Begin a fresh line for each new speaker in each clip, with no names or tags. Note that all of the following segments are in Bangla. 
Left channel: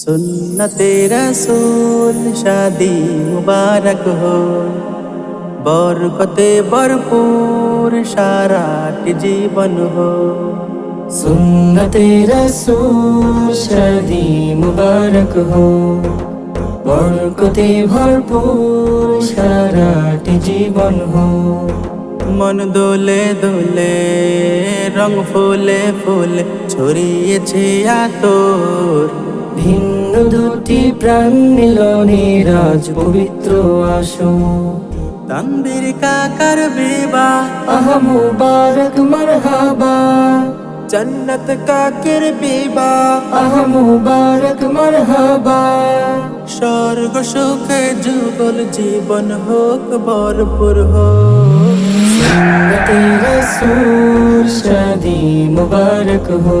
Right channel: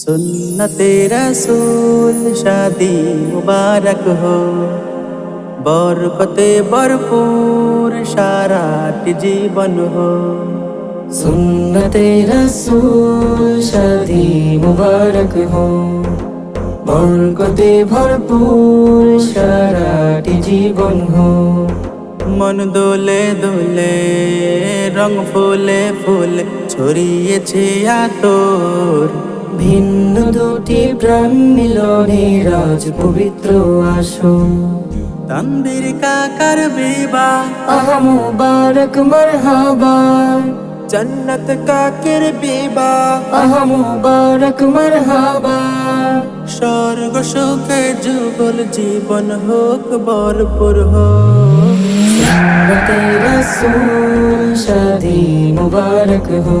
সুন্নতে রসুল শাদি মুবারক হো। বরকতে ভরপুর সারাটি জীবন হো।
সুন্নতে রসূল শাদি মুবারক হো। বরকতে ভরপুর সারাটি জীবন হো।
মন দোলে দোলে রং ফুলে ফুলে ছড়িয়েছে আতর।
ভিন্ন দুটি প্রাণ মিলনে রাজ পবিত্র আসো।
তন্দির কাকার বিবাহ।
আহা মুবারক মারহাবা।
জন্নত কাকের বিবাহ।
আহা মুবারক মারহাবা।
স্বর্গ সুখে যুগল জীবন হোক ভরপুর হোক।
সুন্নতে রসূল শাদি মুবারক হো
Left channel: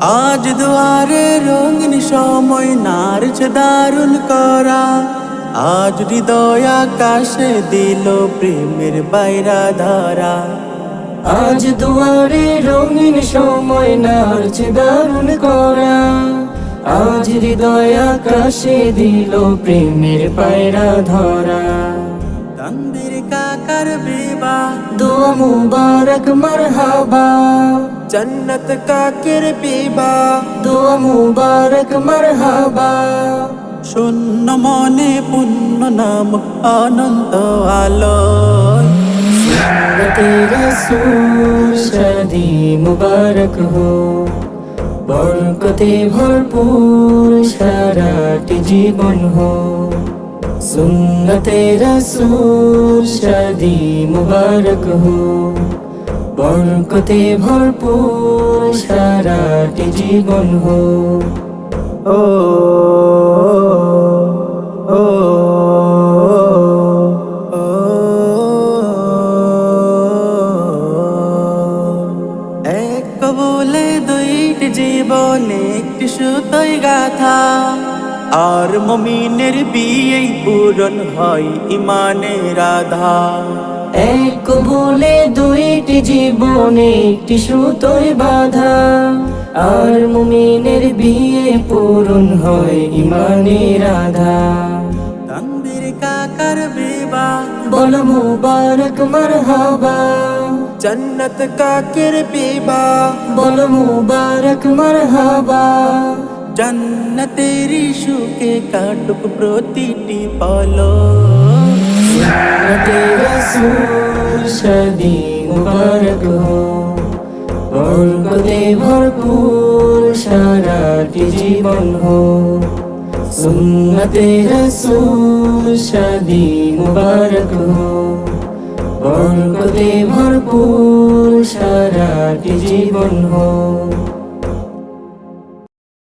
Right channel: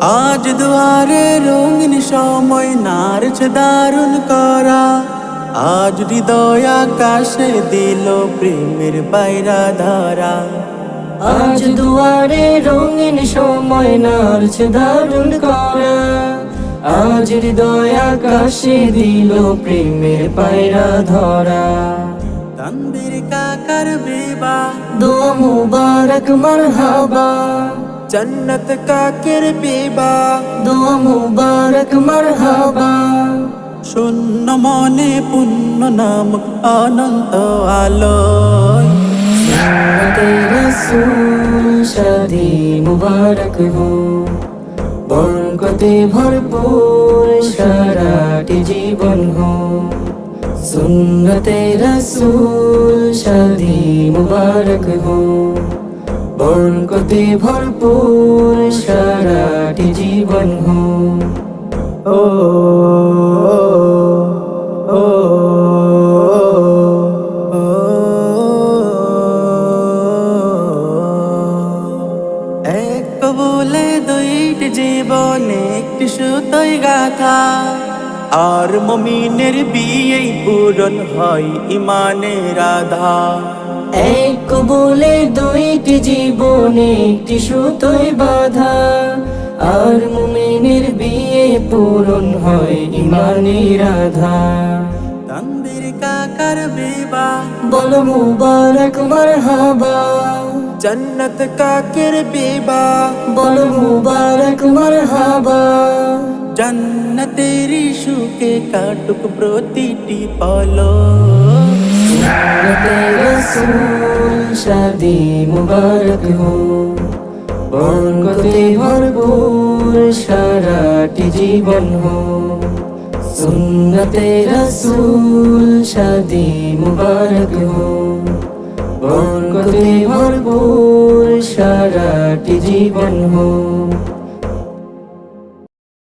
আজ দুয়ারে রঙিন সময় নারছে দারুণ করা। আজ হৃদয় আকাশে দিল প্রেমের বাইরা ধরা।
আজ দুয়ারে রঙিন সময় নারছে দারুণ করা। আজ হৃদয় আকাশে দিল প্রেমের পায়রা ধরা।
তন্দির কাকার বিবাহ।
দোয়া মুবারক মারহাবা।
জন্নত কাকের বিবাহ
দোয়া মুবারক মারহাবা
শূন্য মনে পুণ্য নামক অনন্ত আলোয়
শাদি মুবারক হো বরকতে ভরপুর সারাটি জীবন হো সুন্নতে রসূল শাদি মুবারক হো বরকতে ভরপুর সারাটি জীবন হো।
ও বলে গাথা। আর মমিনের বিয়ে পূরণ হয় ইমানের আধার
এক বলে দুইটি জীবনে একটি সুতোয় বাধা। আর মুমিনের বিয়ে পূরণ হয় ইমানের আধা।
তন্দির কাকার বিবাহ।
বল মুবারক মারহাবা।
জন্নত কাকের বিবাহ।
বল মুবারক মারহাবা।
জন্নতের সুখে কাটুক প্রতিটি পলো
রাসূল শাদি মুবারক হো বরকতে ভরপুর সারাটি জীবন হো সুন্নতে রসূল শাদি মুবারক হো বরকতে ভরপুর সারাটি জীবন হো